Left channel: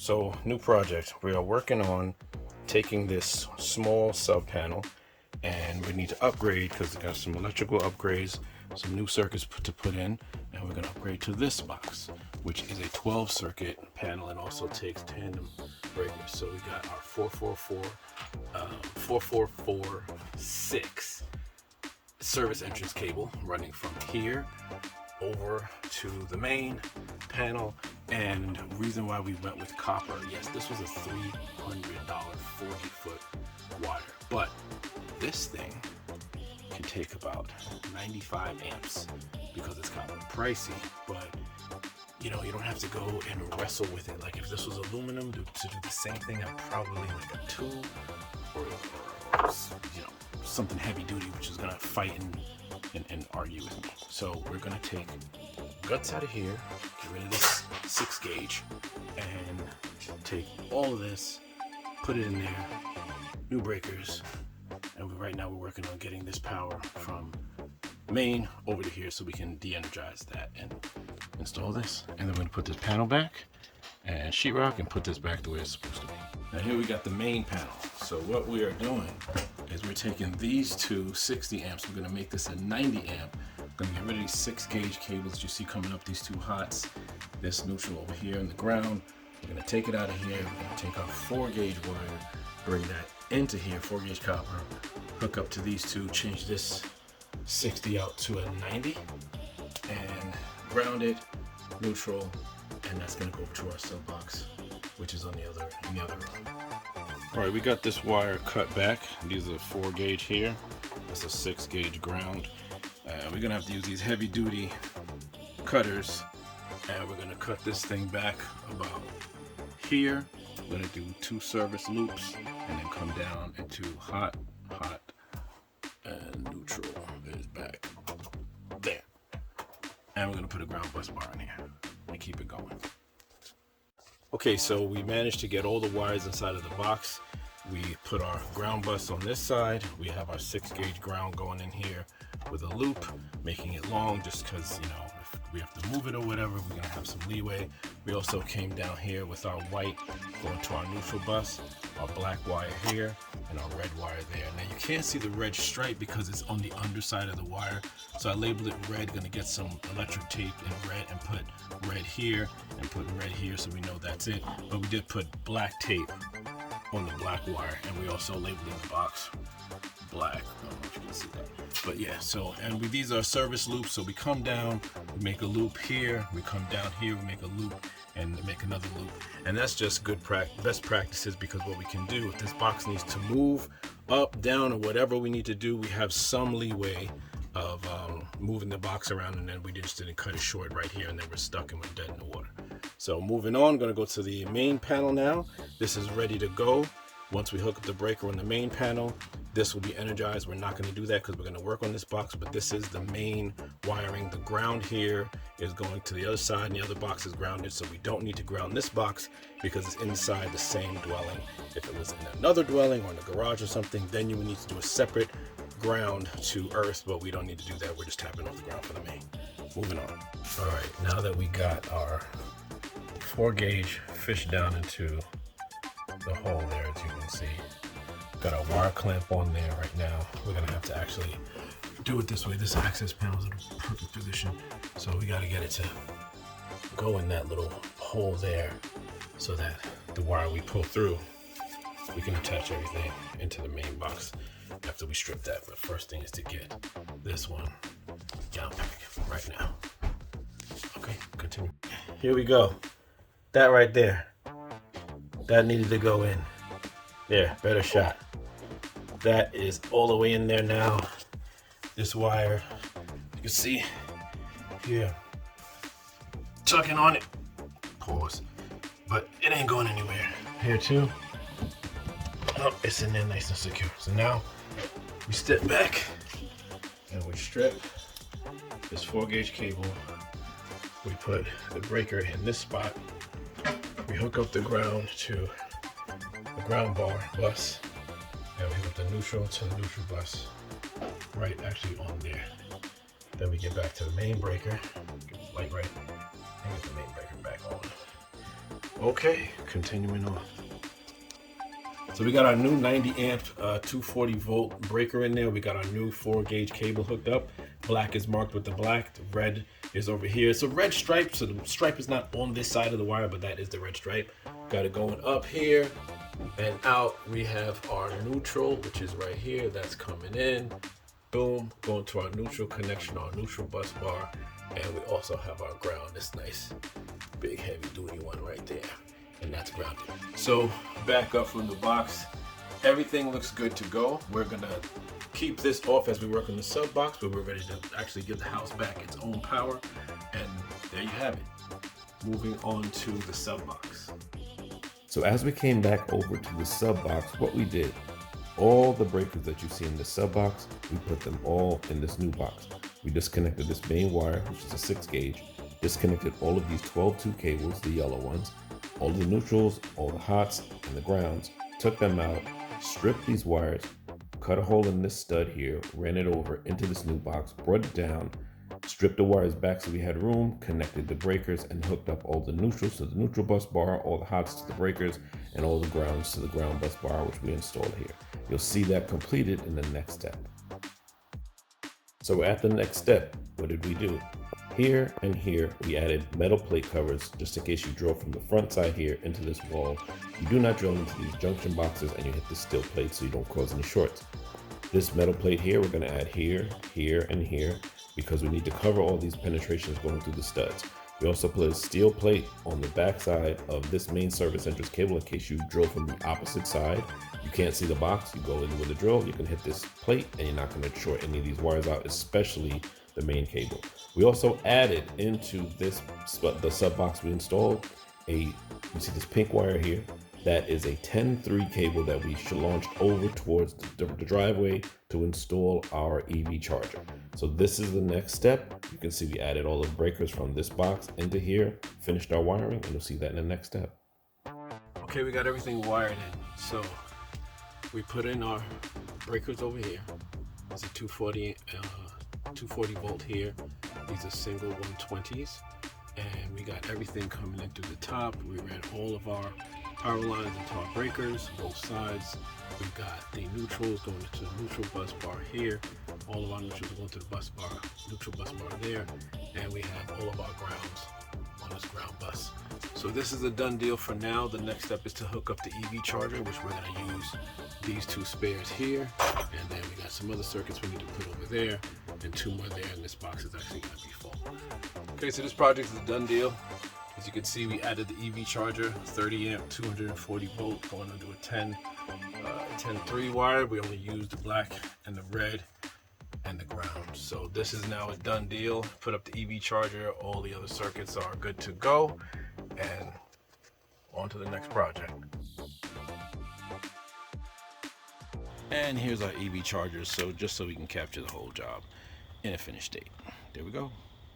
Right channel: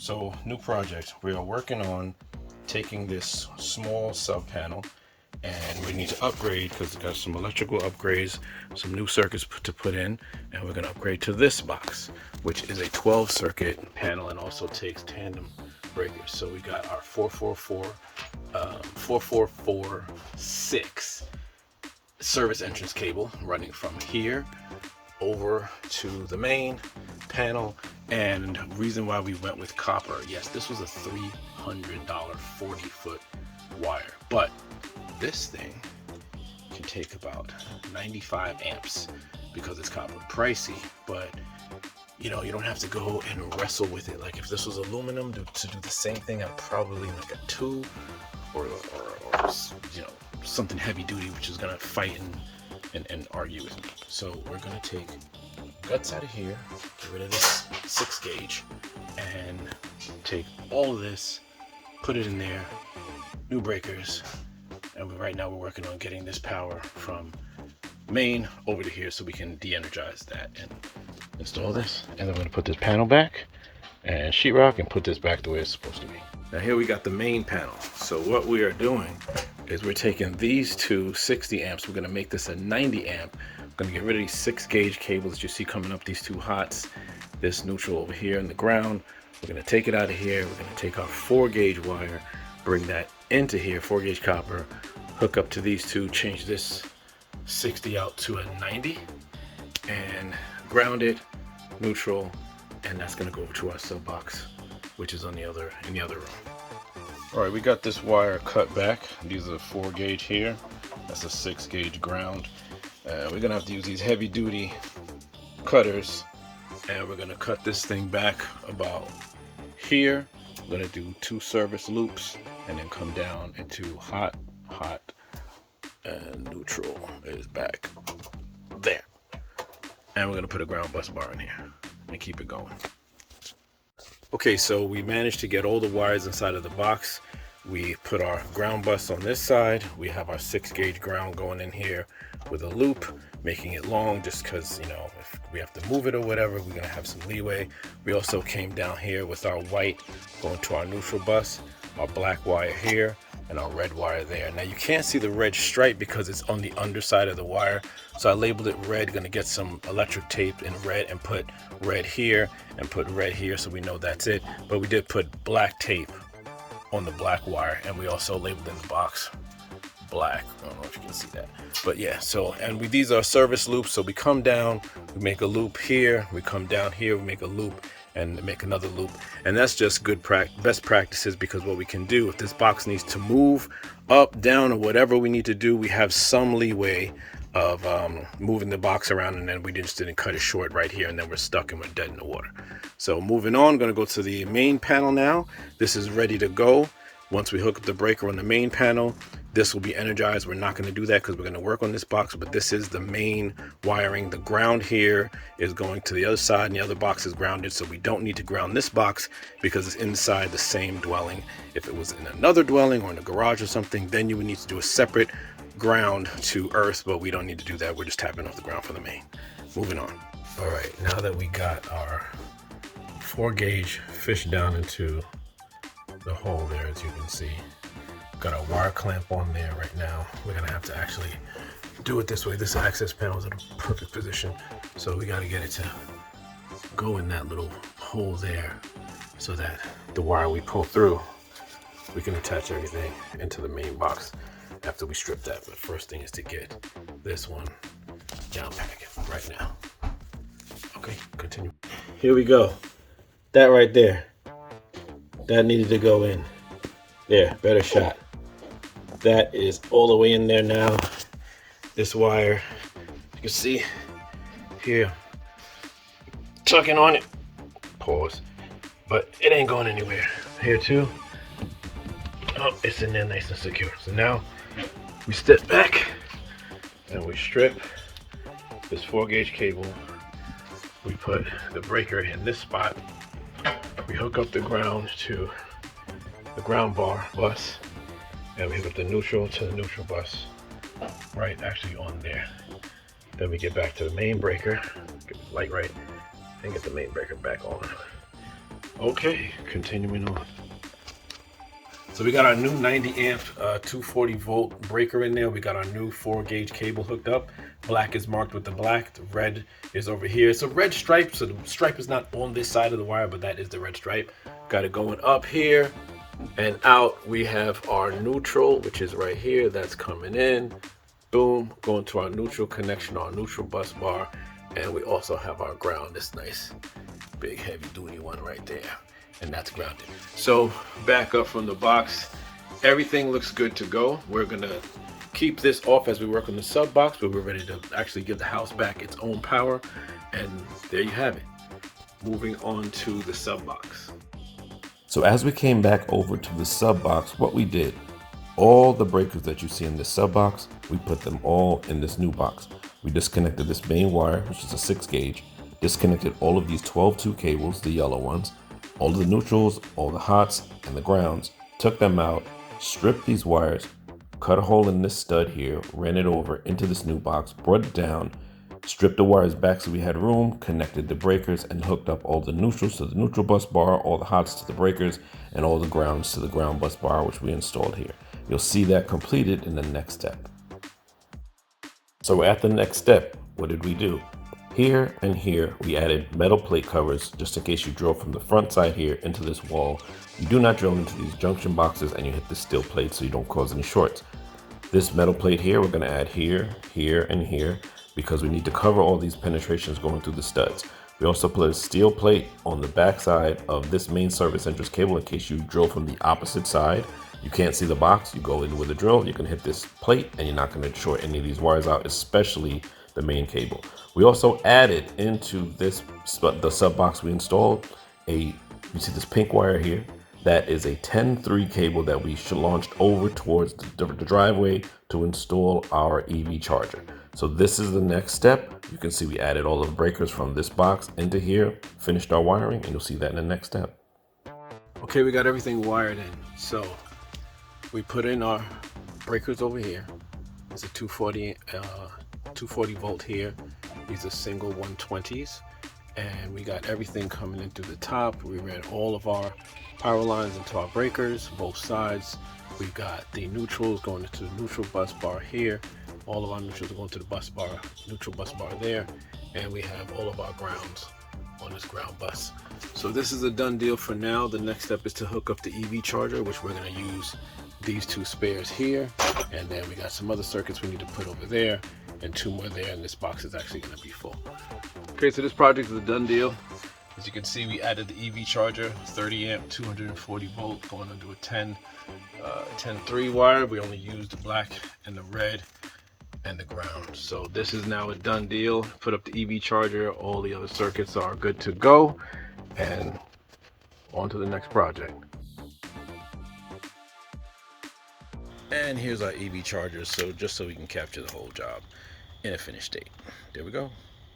So, new project. We are working on taking this small sub panel and we need to upgrade because it's got some electrical upgrades, some new circuits to put in, and we're going to upgrade to this box, which is a 12 circuit panel and also takes tandem breakers. So we got our 4446 service entrance cable running from here over to the main panel. And reason why we went with copper, yes, this was a $300 40-foot wire, but this thing can take about 95 amps because it's copper. Pricey, but you know, you don't have to go and wrestle with it. Like if this was aluminum to do the same thing, I'd probably make a 2 or you know, something heavy duty, which is gonna fight and argue with me. So we're gonna take guts out of here, get rid of this 6 gauge, and take all of this, put it in there, new breakers, and right now we're working on getting this power from main over to here so we can de-energize that and install this. And then we're gonna put this panel back and sheetrock and put this back the way it's supposed to be. Now here we got the main panel. So what we are doing is we're taking these two 60 amps, we're gonna make this a 90 amp. I'm gonna get rid of these 6 gauge cables that you see coming up, these two hots, this neutral over here in the ground. We're gonna take it out of here. We're gonna take our 4 gauge wire, bring that into here, 4 gauge copper, hook up to these two, change this 60 out to a 90, and ground it, neutral, and that's gonna go over to our sub box, which is on in the other room. All right, we got this wire cut back. These are 4 gauge here. That's a 6 gauge ground. We're gonna have to use these heavy duty cutters, and we're gonna cut this thing back about here. We're gonna do 2 service loops and then come down into hot, and neutral is back there. And we're gonna put a ground bus bar in here and keep it going. Okay, so we managed to get all the wires inside of the box. We put our ground bus on this side. We have our 6 gauge ground going in here with a loop, making it long just because, you know, if we have to move it or whatever, we're gonna have some leeway. We also came down here with our white going to our neutral bus, our black wire here, and our red wire there. Now you can't see the red stripe because it's on the underside of the wire. So I labeled it red, gonna get some electric tape in red and put red here and put red here so we know that's it. But we did put black tape on the black wire, and we also labeled in the box black. I don't know if you can see that, but yeah. So, and these are service loops. So we come down, we make a loop here, we come down here, we make a loop and make another loop, and that's just good best practices, because what we can do if this box needs to move up, down, or whatever we need to do, we have some leeway of moving the box around, and then we just didn't cut it short right here, and then we're stuck and we're dead in the water. So moving on, I'm going to go to the main panel now. This is ready to go. Once we hook up the breaker on the main panel, this will be energized. We're not going to do that because we're going to work on this box, but this is the main wiring. The ground here is going to the other side, and the other box is grounded, so we don't need to ground this box because it's inside the same dwelling. If it was in another dwelling or in a garage or something, then you would need to do a separate ground to earth, but we don't need to do that. We're just tapping off the ground from the main. Moving on. All right, now that we got our 4 gauge fished down into the hole there, as you can see, got a wire clamp on there right now. We're gonna have to actually do it this way. This access panel is in a perfect position, so we got to get it to go in that little hole there so that the wire we pull through, we can attach everything into the main box after we strip that. But first thing is to get this one down pack right now. Okay, continue. Here we go. That right there, that needed to go in there. Better shot. That is all the way in there now. This wire, you can see here, tucking on it. Pause. But it ain't going anywhere. Here too. Oh, it's in there nice and secure. So now we step back and we strip this 4 gauge cable. We put the breaker in this spot. We hook up the ground to the ground bar bus, and we hook up the neutral to the neutral bus, right actually on there. Then we get back to the main breaker, get the light right, and get the main breaker back on. Okay, continuing on. So we got our new 90 amp 240 volt breaker in there. We got our new 4 gauge cable hooked up. Black is marked with the black. The red is over here. It's a red stripe, so the stripe is not on this side of the wire, but that is the red stripe. Got it going up here and out. We have our neutral, which is right here. That's coming in. Boom, going to our neutral connection, our neutral bus bar. And we also have our ground, this nice big heavy duty one right there. And that's grounded. So back up from the box, everything looks good to go. We're gonna keep this off as we work on the sub box, but we're ready to actually give the house back its own power. And there you have it. Moving on to the sub box. So as we came back over to the sub box, what we did, all the breakers that you see in the sub box, we put them all in this new box. We disconnected this main wire, which is a 6 gauge, disconnected all of these 12-2 cables, the yellow ones, all of the neutrals, all the hots, and the grounds, took them out, stripped these wires, cut a hole in this stud here, ran it over into this new box, brought it down, stripped the wires back so we had room, connected the breakers, and hooked up all the neutrals to the neutral bus bar, all the hots to the breakers, and all the grounds to the ground bus bar, which we installed here. You'll see that completed in the next step. So at the next step, what did we do? Here and here, we added metal plate covers just in case you drill from the front side here into this wall. You do not drill into these junction boxes and you hit the steel plate so you don't cause any shorts. This metal plate here, we're gonna add here, here, and here because we need to cover all these penetrations going through the studs. We also put a steel plate on the back side of this main service entrance cable in case you drill from the opposite side. You can't see the box, you go in with a drill, you can hit this plate and you're not gonna short any of these wires out, especially the main cable. We also added into this, the sub box we installed, you see this pink wire here, that is a 10-3 cable that we launched over towards the driveway to install our EV charger. So this is the next step. You can see we added all the breakers from this box into here, finished our wiring, and you'll see that in the next step. Okay, we got everything wired in. So we put in our breakers over here. It's a 240 volt here. These are single 120s. And we got everything coming in through the top. We ran all of our power lines into our breakers, both sides. We've got the neutrals going into the neutral bus bar here. All of our neutrals are going to the bus bar, neutral bus bar there. And we have all of our grounds on this ground bus. So this is a done deal for now. The next step is to hook up the EV charger, which we're going to use these 2 spares here. And then we got some other circuits we need to put over there and 2 more there. And this box is actually going to be full. Okay, so this project is a done deal. As you can see, we added the EV charger, 30 amp, 240 volt, going into a 10-3 wire. We only used the black and the red and the ground. So this is now a done deal. Put up the EV charger, all the other circuits are good to go, and on to the next project. And here's our EV charger, so just so we can capture the whole job in a finished state. There we go.